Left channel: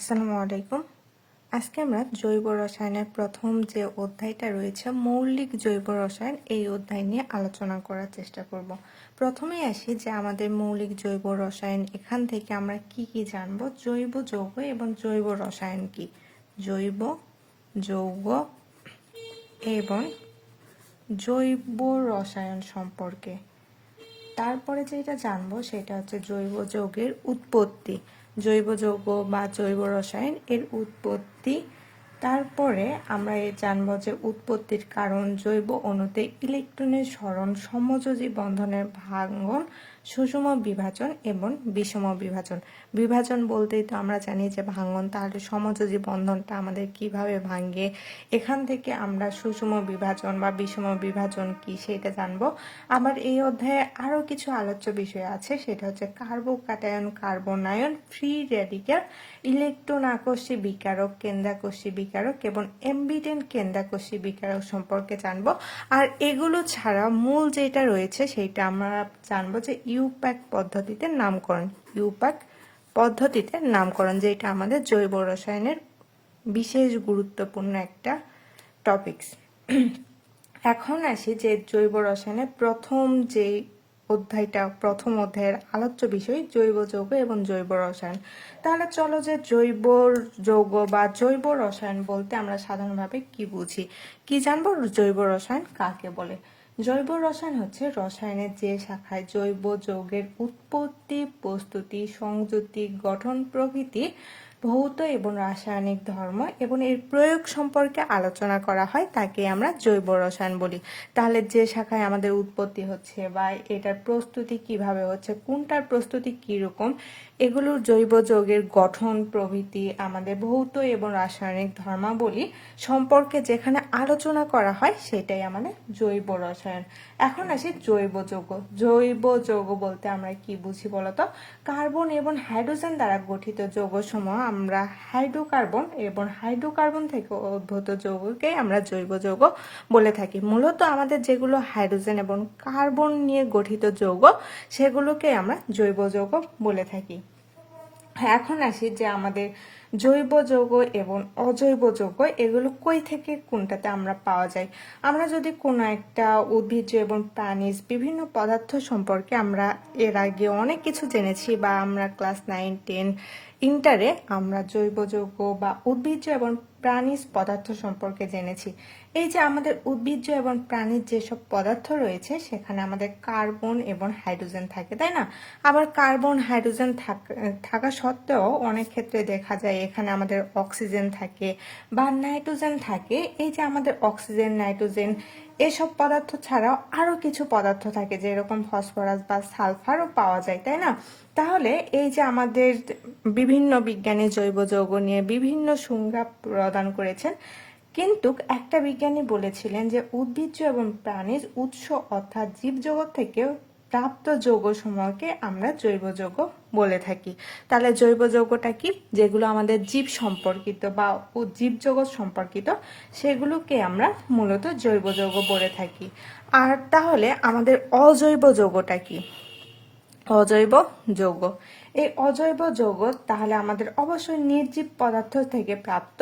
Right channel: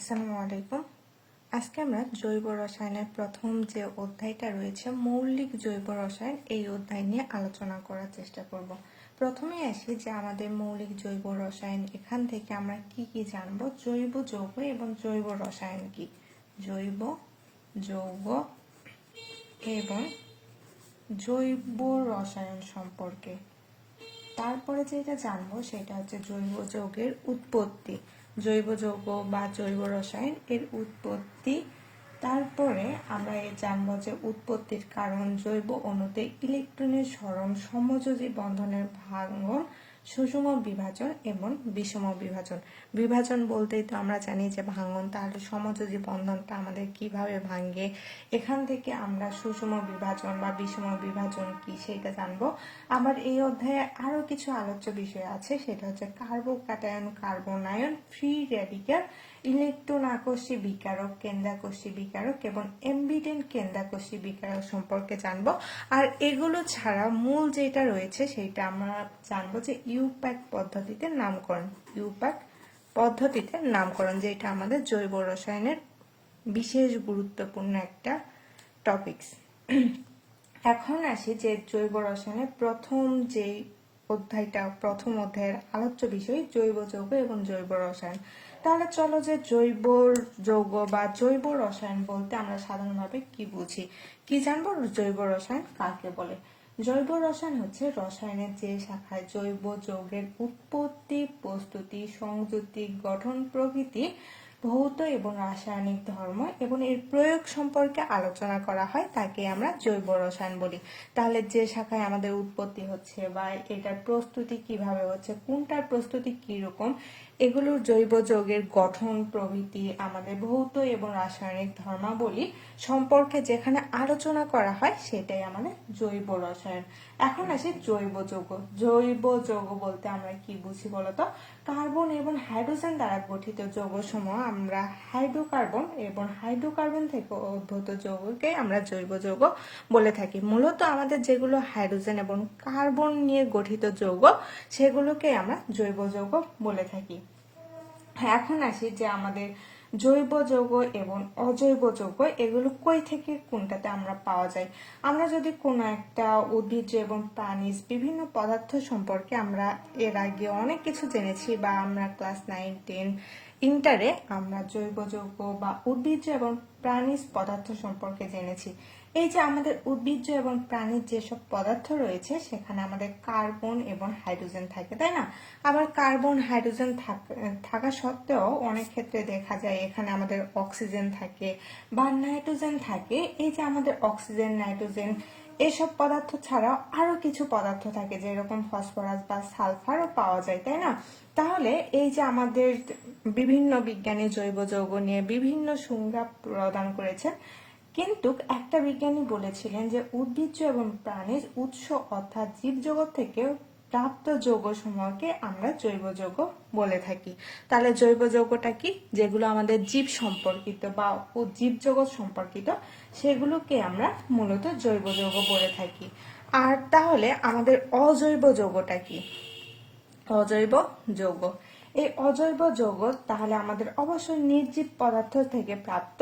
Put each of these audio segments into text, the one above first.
আসসালামু আলাইকুম। আজকে আমরা জৈব রসায়নের প্রথম যে অধ্যায়টা রয়েছে, মৌলিক জৈব রসায়ন, এই অধ্যায় নিয়ে আলোচনা করার চেষ্টা করব। প্রথমেই আসি যে আমাদের মৌলিক জৈব রসায়ন, এখান থেকে আমরা কি কি জানব? জৈব যৌগ এবং জৈব রসায়ন কি? জৈব যৌগ এবং জৈব রসায়ন সম্পর্কে। তারপরে যেটা জানব সেটা হচ্ছে জৈব যৌগের উৎপত্তি। জৈব যৌগ বা জৈব রসায়ন এর উৎপত্তি। তারপরে আমরা এ জানব যে উৎপত্তির কারণ জৈব অণুতে ইলেকট্রনের সরণ, সমযোজী বন্ধনের ভাঙ্গন, সুষম বিভাজন এবং বিষম বিভাজন। বিভাজন বলতেই তো আমরা জানি যে ভাঙ্গন তাহলে সমযোজী বন্ধনটা আমাদের কীভাবে ভাঙ্গে এখান থেকে আমরা সুষম বিভাজন বা বিষম বিভাজন কি সেটা জানব। আবার এই অধ্যায়ে আরও কিছু আলোচ্য বিষয় আছে, সেটা হচ্ছে carbocation carbanion, free radical electron আকর্ষী বিকারক কেন্দ্রাকর্ষী বিকারক এবং এমবিডেন কেন্দ্রাকর্ষী বিকারক সম্পর্কে জানব। আর এগুলো ছাড়া মূল যেটা রয়েছে সেইটা আমরা জানব যে ইউপ্যাক পদ্ধতিতে নামকরণ, ইউপ্যাক পদ্ধতিতে নামকরণ যেটা আমাদের জৈব রসায়নের বিশেষ গুরুত্বপূর্ণ একটা টপিকস এখন আসি যে জৈব রসায়নের প্রথম যে অধ্যায়টা, প্রথম অধ্যায়ের আলোচ্য বিষয় জৈব যৌগ এবং জৈব রসায়ন। তাহলে চলো যে জৈব যৌগ বা জৈব রসায়ন বলতে আমরা সাধারণভাবে কি বুঝি? কি জানব? জৈব রসায়ন কাকে বলে? জৈব রসায়ন হচ্ছে রসায়নের যে শাখায় জৈব যৌগের উৎপত্তি, প্রস্তুতি, সংযুক্তি, গঠন প্রভৃতি, ভৌত এবং রাসায়নিক ধর্ম এবং এর প্রয়োগ সম্পর্কে আলোচনা করা হয়, তাকে আমরা জৈব রসায়ন বলি। তাহলে যে শাখায় আমাদের উৎপত্তি হচ্ছে বা এটার প্রস্তুতি কীভাবে হচ্ছে, কোনটার প্রস্তুতি কীরকম এগুলোর জৈব যৌগের গঠন, প্রভৃতি, আমাদের ভৌত এবং রাসায়নিক ধর্মাবলী সম্পর্কে যেখানে আলোচনা করা হয়, সেটাই আমাদের জৈব রসায়ন। এখন আসি জৈব যৌগ। জৈব যৌগ বলতে আমরা কি বুঝি বলতো? কার্বন এবং হাইড্রোজেন দ্বারা গঠিত যৌগ সমূহ আমরা হাইড্রোকার্বন এবং হাইড্রোকার্বন থেকে উদ্ভূত যৌগকে আমরা জৈব যৌগ বলে থাকি। মূলত আমাদের যেগুলো হাইড্রোজেন এবং কার্বন নিয়ে গঠিত যৌগ, সেগুলোকে আমরা জৈব যৌগ বলে থাকি। এখন আসি যে আমাদের জৈব যৌগ এবং অজৈব যৌগ, এগুলো কই থেকে কোনটাতে আমরা পাওয়া যায়? আমরা যদি কোনো একটা উদ্ভিজ্জ এবং প্রাণীজ বিভিন্ন পদার্থ সম্পর্কে আমরা এর আগে অনেক কিছু জেনেছি বা আমরা ক্লাস নাইন, টেন, ইন্টারে আমরা জৈব যৌগ বা উদ্ভিজ্জ এবং প্রাণীজ পদার্থ সম্পর্কে জেনেছি। এই যে আমাদের উদ্ভিজ্জ এবং প্রাণীর যেসব পদার্থ রয়েছে, সেখানে আমাদের কার্বন এবং হাইড্রোজেন থাকে, তাই না? আবার কার্বন, হাইড্রোজেন থাকা সত্ত্বেও অনেক ক্ষেত্রে দেখা যায় এখানে আমাদের অক্সিজেন থাকে বা নাইট্রোজেন থাকে। এই যে আমাদের অক্সিজেন, নাইট্রোজেন, এসব পদার্থ ছাড়াও আরও কিছু পদার্থ থাকে, যেরকম ফসফরাস বা সালফারও পাওয়া যায়, তাই না? তাহলে এই যে আমাদের বিভিন্ন বিজ্ঞানী জৈব যৌগ নিয়ে বিভিন্ন সংজ্ঞা প্রদান করেছেন কিন্তু একটা বিজ্ঞানী বলেছিলেন যে উদ্ভিজ্জ এবং প্রাণীজ উৎস অর্থাৎ জীবজগৎ থেকে প্রাপ্ত যৌগ সমূহকে আমরা জৈব যৌগ বলে থাকি। তাহলে জৈব যৌগটা কি? যেগুলো আমাদের জীব সম্পর্কিত বা জীবজগৎ সম্পর্কিত, সেগুলোকে আমরা মূলত জৈব যৌগ বলে থাকি। আর তাহলে আমাদের অজৈব যৌগটা কি? অজৈব যৌগ। এই অজৈব যৌগ তাহলে আমাদের অবশ্যই নির্জীব পদার্থ থেকে প্রাপ্ত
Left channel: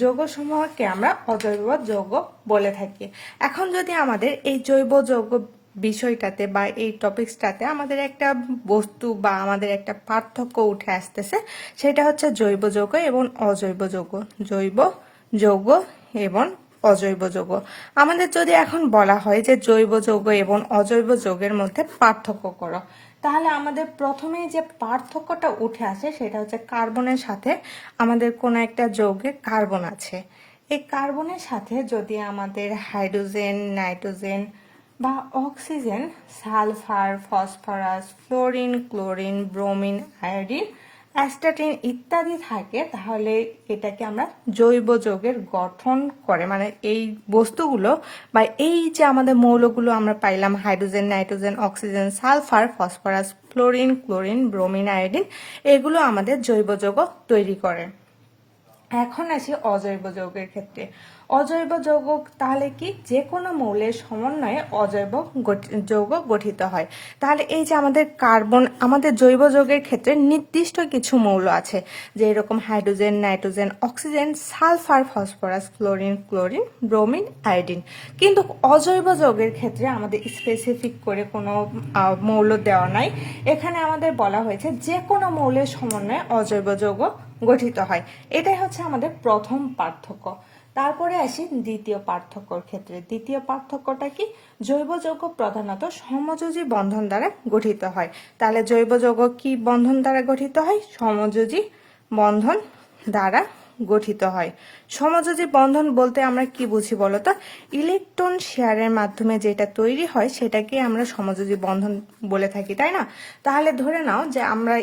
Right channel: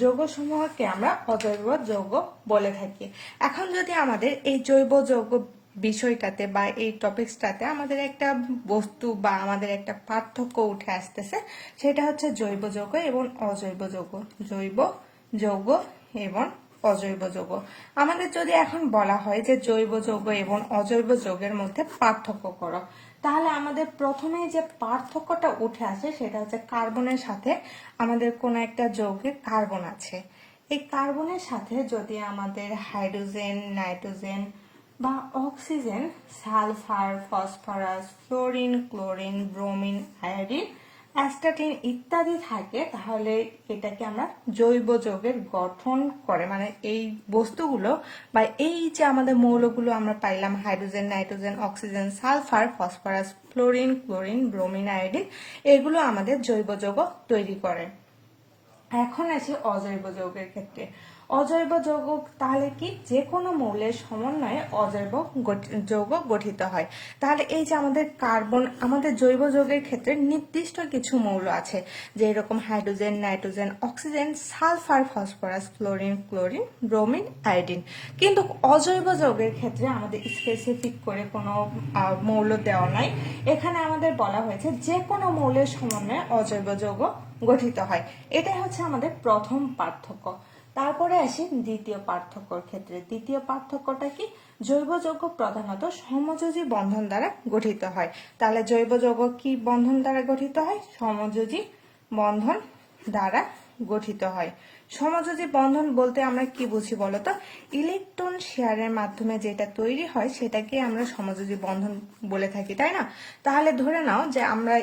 যৌগসমূহকে আমরা অজৈব যৌগ বলে থাকি। এখন যদি আমাদের এই জৈব যৌগ বিষয়টাতে বা এই টপিক্সটাতে আমাদের একটা বস্তু বা আমাদের একটা পার্থক্য উঠে আসতেছে, সেটা হচ্ছে জৈব যৌগ এবং অজৈব যৌগ। জৈব যৌগ এবং অজৈব যৌগ। আমাদের যদি এখন বলা হয় যে জৈব যৌগ এবং অজৈব যৌগের মধ্যে পার্থক্য করো, তাহলে আমাদের প্রথমেই যে পার্থক্যটা উঠে আসে সেটা হচ্ছে কার্বনের সাথে আমাদের কোনো একটা যৌগে কার্বন আছে। এই কার্বনের সাথে যদি আমাদের হাইড্রোজেন, নাইট্রোজেন বা oxygen, sulphur, phosphorus, fluorine, chlorine, bromine, iodine astatine ইত্যাদি থাকে, তাহলে এটাকে আমরা জৈব যৌগের গঠন করে মানে এই বস্তুগুলো বা এই যে আমাদের মৌলগুলো আমরা পাইলাম, hydrogen, nitrogen, oxygen, sulphur, phosphorus, fluorine, chlorine, bromine, iodine, এগুলো আমাদের জৈব যৌগ তৈরি করে। এখন আছে অজৈব যৌগের ক্ষেত্রে। অজৈব যৌগ তাহলে কি? যে কোনো মৌলের সমন্বয়ে অজৈব যৌগ গঠিত হয়। তাহলে এই যে আমাদের কার্বন, আমাদের জৈব যৌগের ক্ষেত্রে নির্দিষ্ট কিছু মৌল আছে যে এরকম hydrogen, nitrogen, oxygen, sulphur, phosphorus fluorine chlorine, bromine, iodine. কিন্তু অজৈব যৌগের ক্ষেত্রে আমাদের স্পেসিফিক করে কোনো মৌল দেওয়া নাই। এখানে আমাদের বলা হয়েছে যে কোনো মৌলের সমন্বয়ে অজৈব যৌগ গঠিত হয়। এটাই হচ্ছে আমাদের প্রথম পার্থক্য। তারপরে আসি দ্বিতীয় পার্থক্যর ক্ষেত্রে। দ্বিতীয় পার্থক্যটা কি? জৈব যৌগ প্রধানত সমযোজী বন্ধন দ্বারা গঠিত হয়। তাহলে জৈব যৌগ কি বন্ধন দ্বারা গঠিত হয়? সমযোজী বন্ধন দ্বারা গঠিত হয়। সমযোজী বন্ধন বলতে আমরা কি বুঝি বলতো? ইলেকট্রন শেয়ারের মাধ্যমে যেটা তৈরি হয়, সেটাকে আমরা সমযোজী বন্ধন বলে থাকি, তাই না? তাহলে ধরে নাও যে আমরা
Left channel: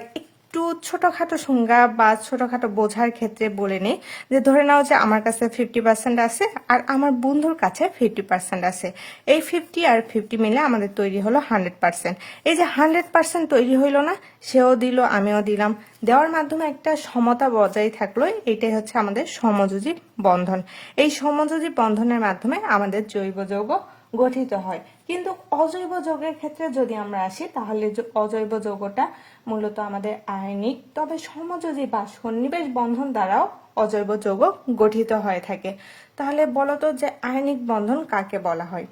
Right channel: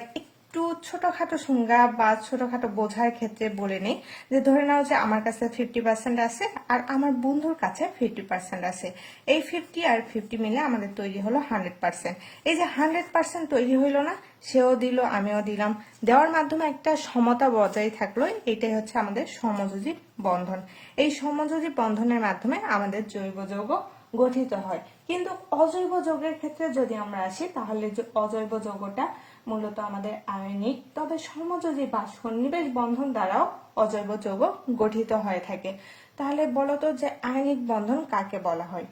একটু ছোটখাটো সংজ্ঞা বা ছোটখাটো বোঝার ক্ষেত্রে বলে নেই, যে ধরে নাও যে আমার কাছে ফিফটি পার্সেন্ট আছে আর আমার বন্ধুর কাছে ফিফটি পার্সেন্ট আছে। এই ফিফটি আর ফিফটি মিলে আমাদের তৈরি হলো হান্ড্রেড পার্সেন্ট এই যে হান্ড্রেড পার্সেন্ট তৈরি হইল না, সেও দিল, আমিও দিলাম। দেওয়ার মাধ্যমে একটা সমতা বজায় থাকল, এটাই হচ্ছে আমাদের সমযোজী বন্ধন। এই সমযোজী বন্ধনের মাধ্যমে আমাদের জৈব যৌগ গঠিত হয়। কিন্তু অজৈব যৌগের ক্ষেত্রে যদি আমরা আসি, তাহলে অজৈব যৌগটা মূলত আমাদের আয়নিক, তবে সমযোজী বা সন্নিবেশ বন্ধন দ্বারাও অজৈব যৌগ গঠিত হয়ে থাকে। তাহলে বলতো যে আয়নিক বন্ধন কাকে বলা হয়?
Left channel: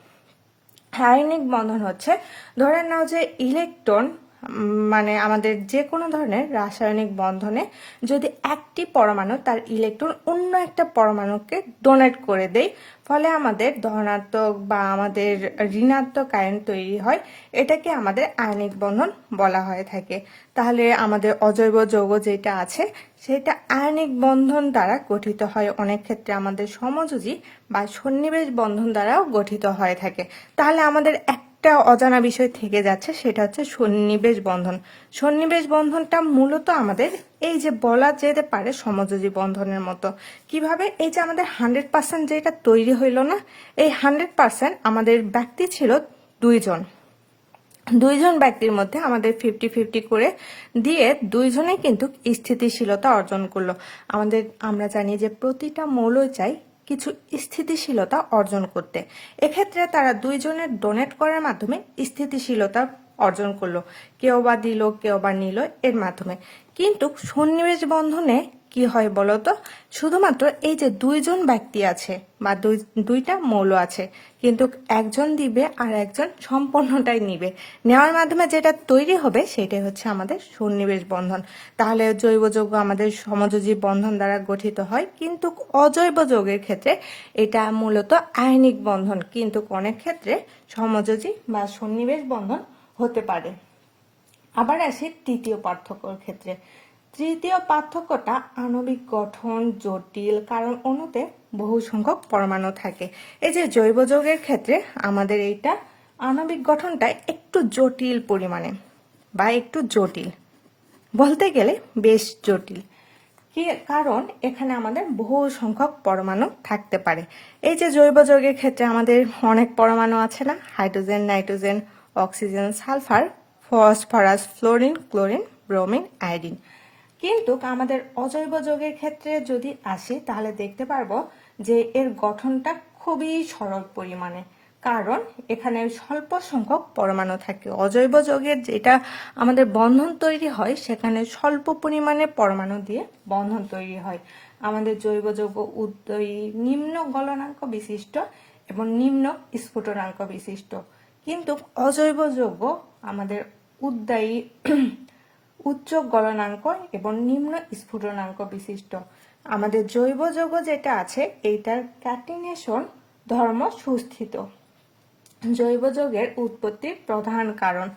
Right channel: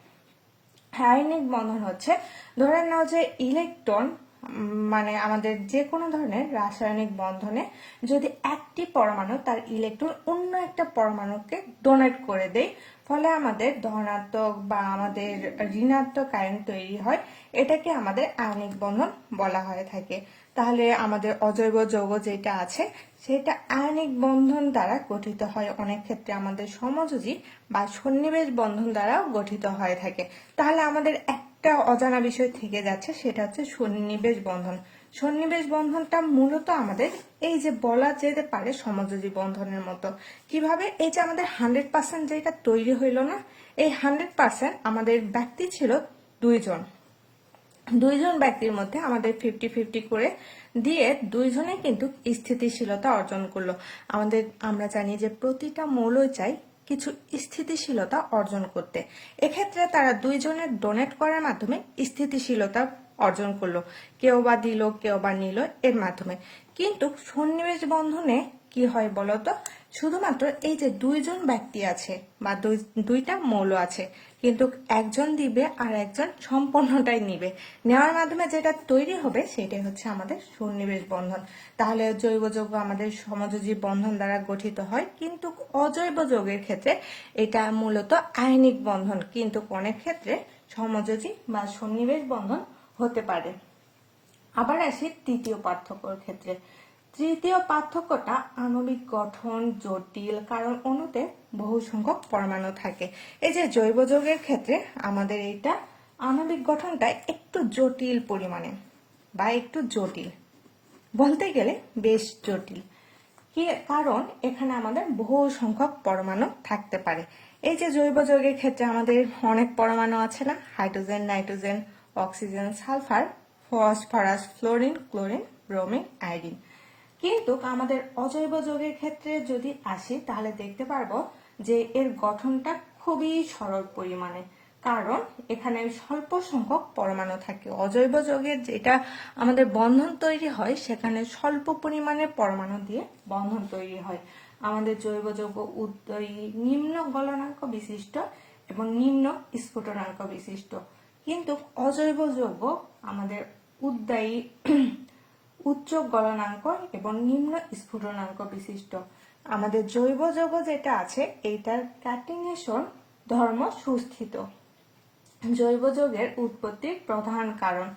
আয়নিক বন্ধন হচ্ছে, ধরে নাও যে ইলেকট্রন মানে আমাদের যে কোনো ধরনের রাসায়নিক বন্ধনে যদি একটি পরমাণু তার ইলেকট্রন অন্য একটা পরমাণুকে ডোনেট করে দেয়, ফলে আমাদের ধনাত্মক বা আমাদের ঋণাত্মক আয়ন তৈরি হয়, এটাকে আমাদের আয়নিক বন্ধন বলা হয়ে থাকে। তাহলে আমাদের অজৈব যৌগ যেটা আছে, সেটা আয়নিক বন্ধন দ্বারা গঠিত হয়। অনেক ক্ষেত্রে আমাদের সমযোজী বা সন্নিবেশ বন্ধন দ্বারাও গঠিত হয়ে থাকে। তাহলে আমাদের একটা অজানা বিষয় থেকে যাচ্ছে, সেটা হচ্ছে সন্নিবেশ বন্ধন। সন্নিবেশ বন্ধনটা মূলত আমাদের এই যে বলা যেতে পারে সমযোজী বন্ধনের মতো। কীভাবে? এই যে আমাদের হান্ড্রেড পার্সেন্ট যেটা তৈরি হইল না, এই হান্ড্রেড পার্সেন্ট আমাদের ব্যক্তি ছিল দুইজন। দুইজন ব্যক্তির মধ্যে আমাদের ফিফটি ফিফটি করে দিয়ে দুইজনে কিন্তু স্থিতিশীলতা অর্জন করল। আমাদের, আমরা জানি যে প্রতিটা মৌলই চাই কিছু স্থিতিশীলতা অর্জন করতে। এক্ষেত্রে তারা দুইজনের ডোনেট করার মাধ্যমে স্থিতিশীলতা অর্জন করল। কেউ বা দিল, কেউ বা নিল এর মাধ্যমে। কিন্তু সন্নিবেশ বন্ধনে কি হয় বলতো? শুধুমাত্র এই যে দুইজন ব্যক্তি আছে বা দুই, দুইটা মৌল আছে, কিন্তু একজন দিবে আর একজন সম্পূর্ণটাই নিবে। নেওয়ার মাধ্যমে যেটা তৈরি হবে সেটাই হচ্ছে আমাদের সন্নিবেশ বন্ধন। তাহলে জৈব যৌগ আমাদের সমযোজী বন্ধন দ্বারা গঠিত হয়, কিন্তু অজৈব যৌগের ক্ষেত্রে এটা মূলত আয়নিক বন্ধন, কিন্তু অনেক ক্ষেত্রে সমযোজী বা সন্নিবেশ বন্ধন হতে পারে। আবার আসি তৃতীয় পার্থক্যর ক্ষেত্রে। তৃতীয় পার্থক্যটা আণবিক গঠন জটিল, কারণ অণুতে বহু সংখ্যক পরমাণু থাকে। এই যে জৈব যৌগের ক্ষেত্রে আমাদের এইটা আণবিক গঠনটা একটু জটিল পরিমাণে বা একটু জটিল। বলতে গেলে বেশ জটিল। কারণ এখানে আমাদের বহু সংখ্যক পরমাণু থাকতে পারে। এই যে জৈব যৌগের ক্ষেত্রে আমাদের অনেক পরমাণু আছে না? Hydrogen, nitrogen, oxygen, sulphur, phosphorus, fluorine, chlorine, bromine, iodine. কিন্তু আমাদের অজৈব যৌগের ক্ষেত্রে যদি আসি, তাহলে দেখতে পারব যে এর গঠনটা খুবই সরল পরিমাণে। কারণ এখানে স্বল্প সংখ্যক পরমাণু থাকে। অজৈব যৌগের যেটা আমাদের বন্ধন তৈরি হয়, সেখানে স্বল্প পরিমাণে পরমাণু দিয়ে বন্ধন তৈরি হয়। আমাদের জৈব যৌগ উদ্দয়ী নিম্ন গলনাঙ্ক বিশিষ্ট এবং নিম্ন স্ফুটনাঙ্ক বিশিষ্ট। কিন্তু অজৈব যৌগ আমাদের উদ্দায়ী উচ্চ গলনাঙ্ক এবং নিম্ন স্ফুটনাঙ্ক বিশিষ্ট। আমাদের জৈব যৌগ যেটা আছে, এইটার ক্যাটিনেশন ধর্ম সুস্থিত। জৈব যৌগের উৎপত্তির প্রধান কারণ।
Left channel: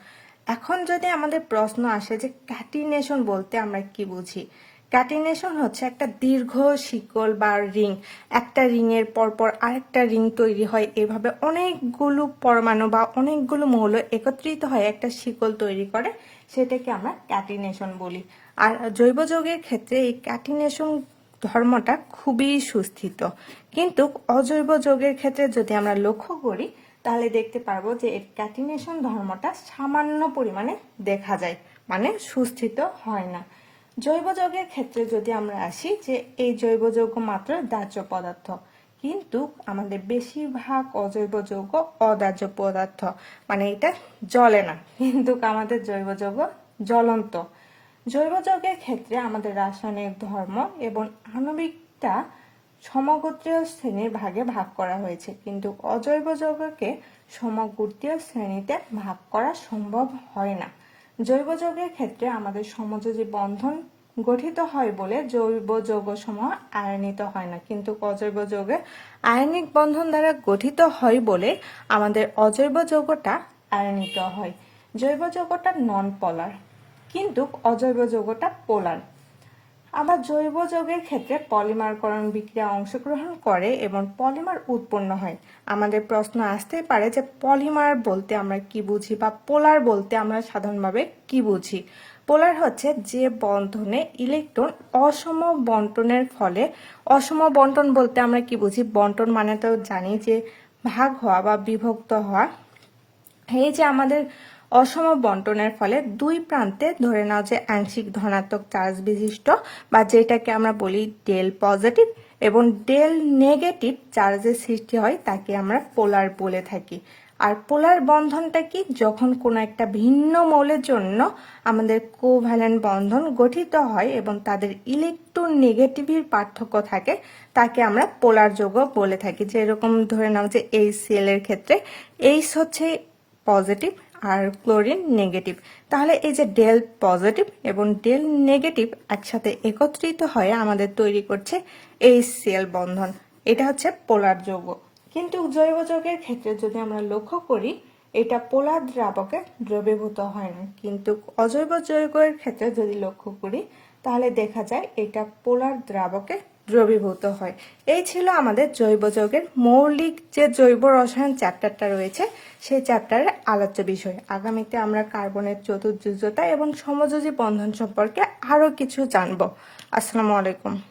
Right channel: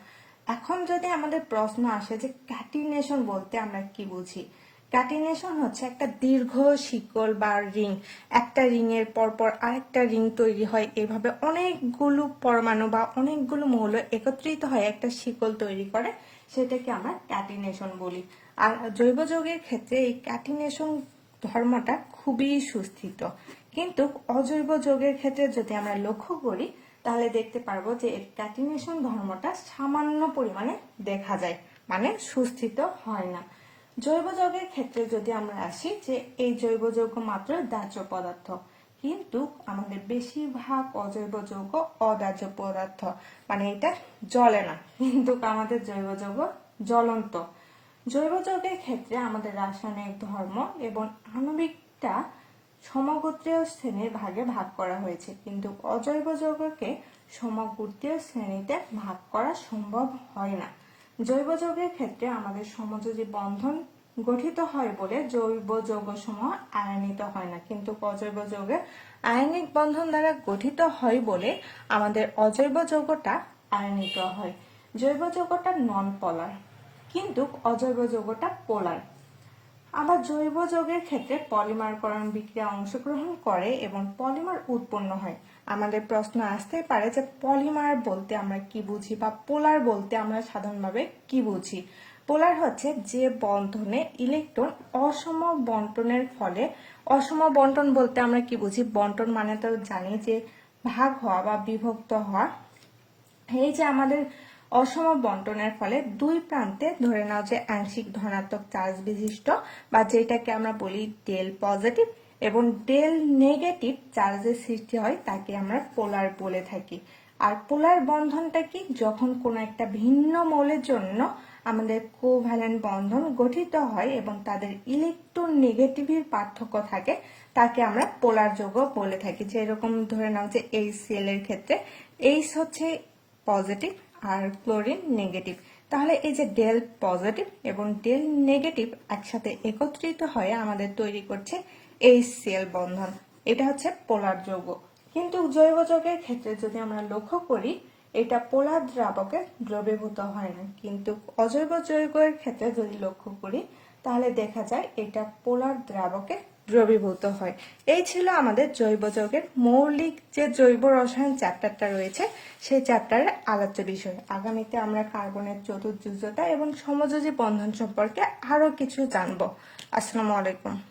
এখন যদি আমাদের প্রশ্ন আসে যে ক্যাটিনেশন বলতে আমরা কি বুঝি ক্যাটিনেশন হচ্ছে একটা দীর্ঘ শিকল বা রিং। একটা রিং এর পরপর আরেকটা রিং তৈরি হয়। এভাবে অনেকগুলো পরমাণু বা অনেকগুলো মৌল একত্রিত হয় একটা শিকল তৈরি করে। সেটাকে আমরা ক্যাটিনেশন বলি। আর জৈব যৌগের ক্ষেত্রে এই ক্যাটিনেশন ধর্মটা খুবই সুস্থিত। কিন্তু অজৈব যৌগের ক্ষেত্রে যদি আমরা লক্ষ্য করি, তাহলে দেখতে পারব যে এর ক্যাটিনেশন ধর্মটা সামান্য পরিমাণে দেখা যায়। মানে সুস্থিত হয় না। জৈব যৌগের ক্ষেত্রে যদি আমরা আসি যে এই জৈব যৌগ মাত্র দাহ্য পদার্থ, কিন্তু আমাদের বেশিরভাগ অজৈব যৌগ অদাহ্য পদার্থ। মানে এটা জ্বলে না, কিন্তু আমাদের জৈব যৌগ জ্বলন্ত। জৈব যৌগের ক্ষেত্রে আমাদের রাসায়নিক ধর্ম এবং আণবিকটা সমগোত্রীয় শ্রেণির ভাগে ভাগ করা হয়েছে, কিন্তু অজৈব যৌগকে সমগোত্রীয় শ্রেণীতে ভাগ করা সম্ভব হয় না। জৈব যৌগের ক্ষেত্রে আমাদের সমযোজী বন্ধন গঠিত হয় বলে জৈব যৌগ সমূহ আয়নিত হয় না, কিন্তু অজৈব যৌগে আয়নিক বন্ধন দ্বারা গঠিত হয় বলে আমাদের অজৈব যৌগটা আয়নিত হয়। জৈব যৌগটা নন পলার কিন্তু অজৈব যৌগটা পোলার আবার জৈব যৌগের ক্ষেত্রে পলিমারকরণ বিক্রিয়া অংশগ্রহণ করে এবং পলিমার উৎপন্ন হয়। আমাদের প্রশ্ন আসতেই পারে যে পলিমার বলতে আমরা কি বুঝি বা পোলার বলতে আমরা সাধারণভাবে কি বুঝি? পোলার হচ্ছে যে বন্ধনে ইলেকট্রন অসম বন্টনের ফলে, অসম বন্টন বলতে আমরা কি বুঝি? বন্টন মানে তো জানি যে ভাগ হওয়া বা বিভক্ত হওয়া। এই যে আমাদের অসম বন্টনের ফলে দুই প্রান্তে ধরে নাও যে আংশিক ধনাত্মক চার্জ বিশিষ্ট বা যেটাকে আমরা বলি ডেল পজিটিভ এবং ডেল নেগেটিভ চার্জের সৃষ্টি হয় তাকে আমরা পোলার বলে থাকি। আর পোলার বন্ধনটা কি? যখন কোনো একটা ভিন্ন মৌলের জন্য আমাদের কোভ্যালেন্ট বন্ধন গঠিত হয় এবং তাদের ইলেকট্রন নেগেটিভের পার্থক্য থাকে, তাকে আমরা পোলার যৌগ বলে থাকি। যেরকম ধরে নাও যে এই সিএল এর ক্ষেত্রে এইচ হচ্ছে পজিটিভ আর ক্লোরিন নেগেটিভ। তাহলে এই যে ডেল পজিটিভ এবং ডেল নেগেটিভ একসাথে একত্রিত হয়ে আমাদের তৈরি করছে এইচসিএল বন্ধন। এটা হচ্ছে পোলার যৌগ। কিন্তু জৈব যৌগের ক্ষেত্রে যদি আমরা লক্ষ্য করি, এটা পোলার দ্রাবকে দ্রবীভূত হয় না। কিন্তু অজৈব যৌগের ক্ষেত্রে যদি লক্ষ্য করি, তাহলে দেখা যায় এটা পোলার দ্রাবকে দ্রবীভূত হয়। এই ছিল আমাদের জৈব যৌগের মৌলিক যে জৈব রসায়ন চ্যাপ্টারটা রয়েছে সেই চ্যাপ্টারের আলোচ্য বিষয়। আগামীতে আমরা কার্বনের চতুর্যুজতা এবং সমযোজী বন্ধন সম্পর্কে আরও কিছু জানব। আসসালামু আলাইকুম।